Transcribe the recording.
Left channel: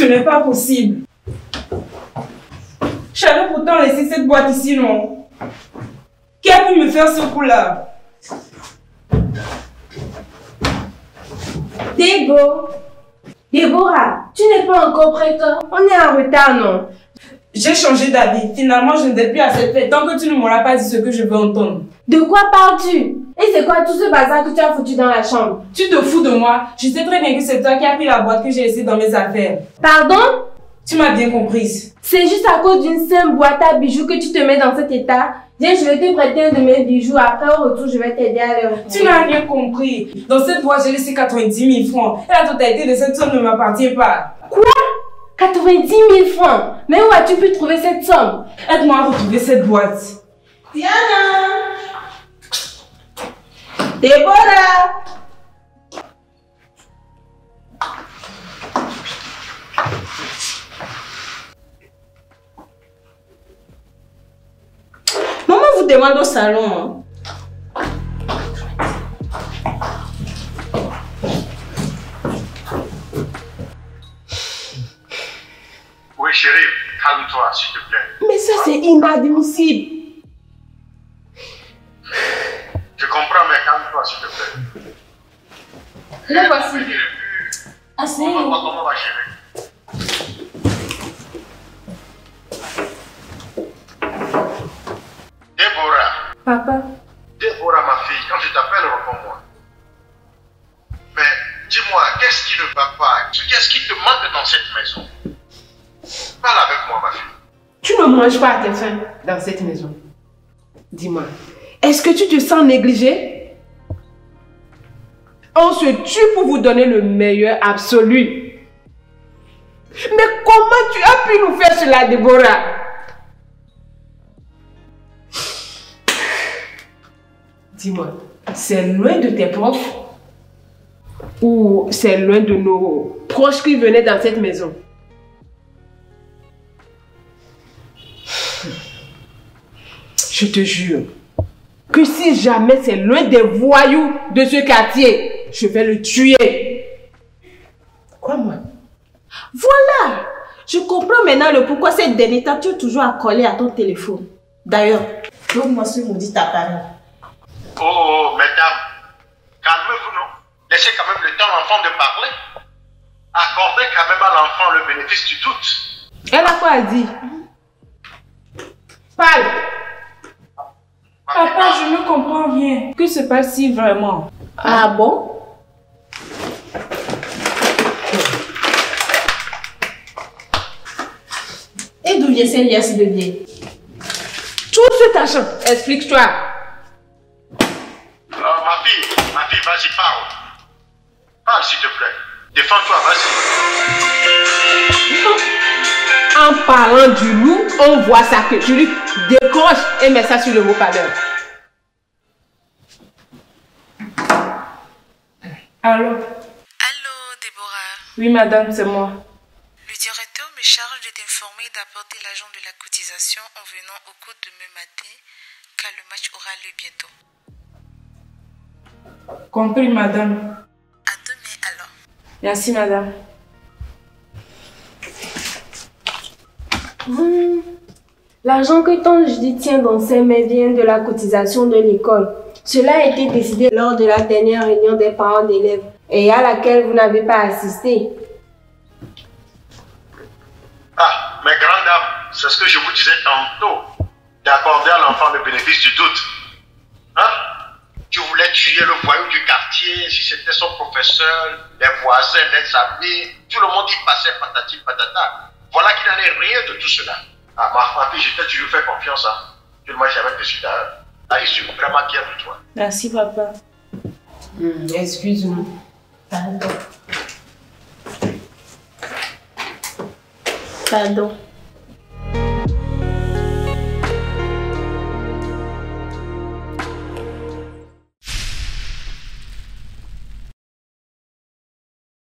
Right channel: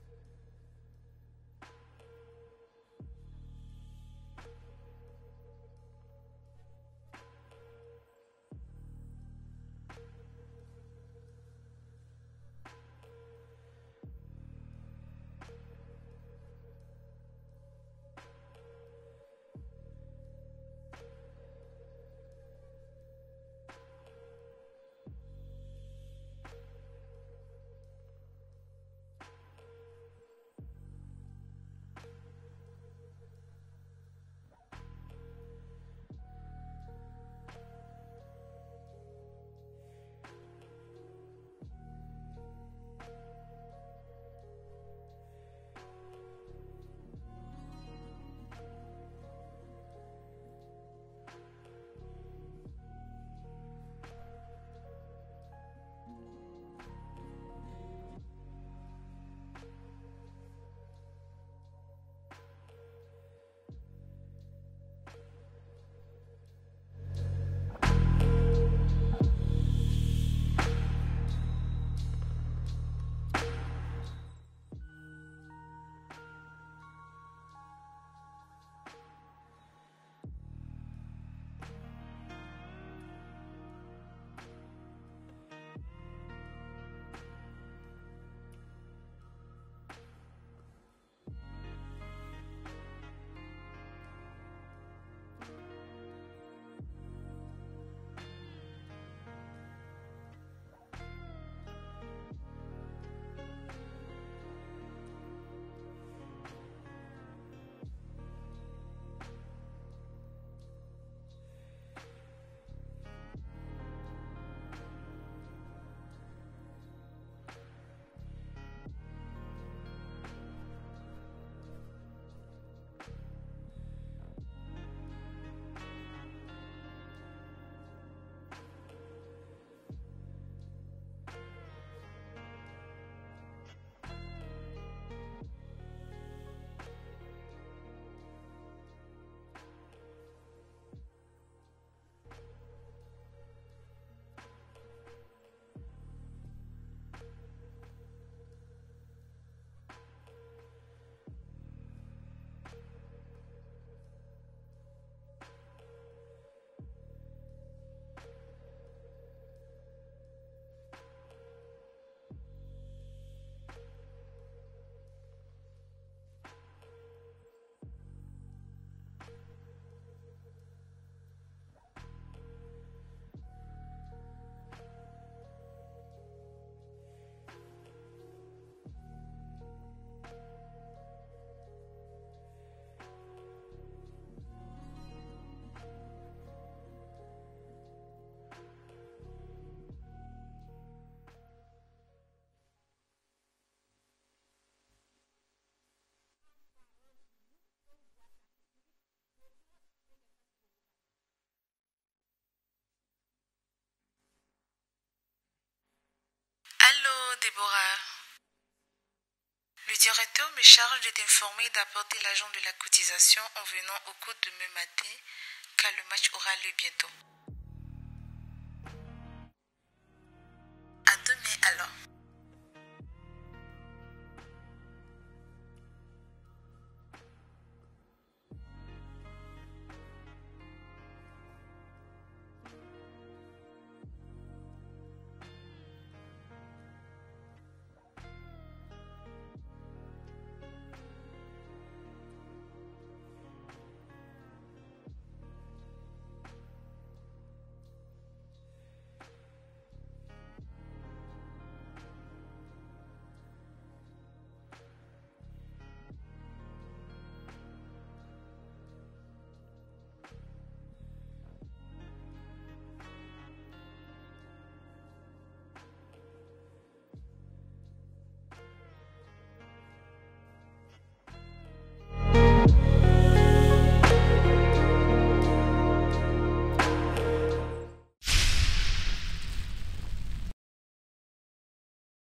Ce n'est pas possible. J'avais pourtant laissé cette boîte ici, non? Qui a pu me faire ce coup-là? Déborah, tu n'es pas encore prête? On est en retard, non? J'ai changé d'avis. Finalement, je ne vais plus à cette fête tant que tu ne m'auras pas dit ce que je veux entendre. De quoi parles-tu? Et c'est quoi tout ce bazar que tu as foutu dans la chambre? Tu te fous de moi? Je sais très bien que c'est toi qui as pris la boîte que j'ai laissée dans mes affaires. Pardon? Tu m'as bien comprise. C'est juste à cause d'une simple boîte à bijoux que tu te mets dans cet état. Viens, je vais te prêter un de mes bijoux. Après, au retour, je vais t'aider à le retrouver. Tu n'as rien compris. Dans cette boîte, j'ai laissé 90 000 francs. Et la totalité de cette somme ne m'appartient pas. Quoi? 90 000 francs? Mais où as-tu pu trouver cette somme? Aide-moi à retrouver cette boîte. Diana! Déborah! Maman vous demande au salon. Oui, chérie, calme-toi, s'il te plaît. Mais ça, c'est inadmissible. Je comprends, mais calme-toi, s'il te plaît. Le voici. Ah, c'est... Comment on va gérer? Déborah. Papa. Déborah, ma fille, quand je t'appelle, réponds-moi. Mais dis-moi, qu'est-ce qui ne va pas? Qu'est-ce qui te manque dans cette maison? Parle avec moi, ma fille. Tu ne manges pas à tes faim dans cette maison. Dis-moi, est-ce que tu te sens négligé? On se tue pour vous donner le meilleur absolu. Mais comment tu as pu nous faire cela, Déborah? Dis-moi, c'est loin de tes profs ou c'est loin de nos proches qui venaient dans cette maison? Je te jure que si jamais c'est l'un des voyous de ce quartier, je vais le tuer. Quoi, moi? Voilà! Je comprends maintenant le pourquoi cette dernière temps tu es toujours accolé à ton téléphone. D'ailleurs, donne-moi ce maudit appareil. Oh, mesdames, calmez-vous, non? Laissez quand même le temps à l'enfant de parler. Accordez quand même à l'enfant le bénéfice du doute. Elle a quoi dit? Parle! Papa, je ne comprends rien. Que se passe-t-il vraiment? Ah bon? Et d'où vient ces liasses de biais? Tout cet argent, explique-toi. Ma fille, vas-y, parle. Parle, s'il te plaît. Défends-toi, vas-y. En parlant du loup, on voit ça que tu lui décroches et mets ça sur le haut-parleur. Allô? Allô, Déborah. Oui, madame, c'est moi. Le directeur me charge de t'informer d'apporter l'argent de la cotisation en venant au cours de demain matin, car le match aura lieu bientôt. Compris, madame. À demain alors. Merci, madame. L'argent que ton Judy tient dans ses mains vient de la cotisation de l'école. Cela a été décidé lors de la dernière réunion des parents d'élèves et à laquelle vous n'avez pas assisté. Ah, mes grandes dames, c'est ce que je vous disais tantôt, d'accorder à l'enfant le bénéfice du doute. Hein? Tu voulais tuer le voyou du quartier, si c'était son professeur, les voisins, les amis, tout le monde y passait patati patata. Voilà qu'il n'en est rien de tout cela. Ah, ma fille, je t'ai toujours fait confiance. Hein. Tu ne m'as jamais déçu d'ailleurs. Là, je suis vraiment fier de toi. Merci, papa. Excuse-moi. Pardon. Pardon.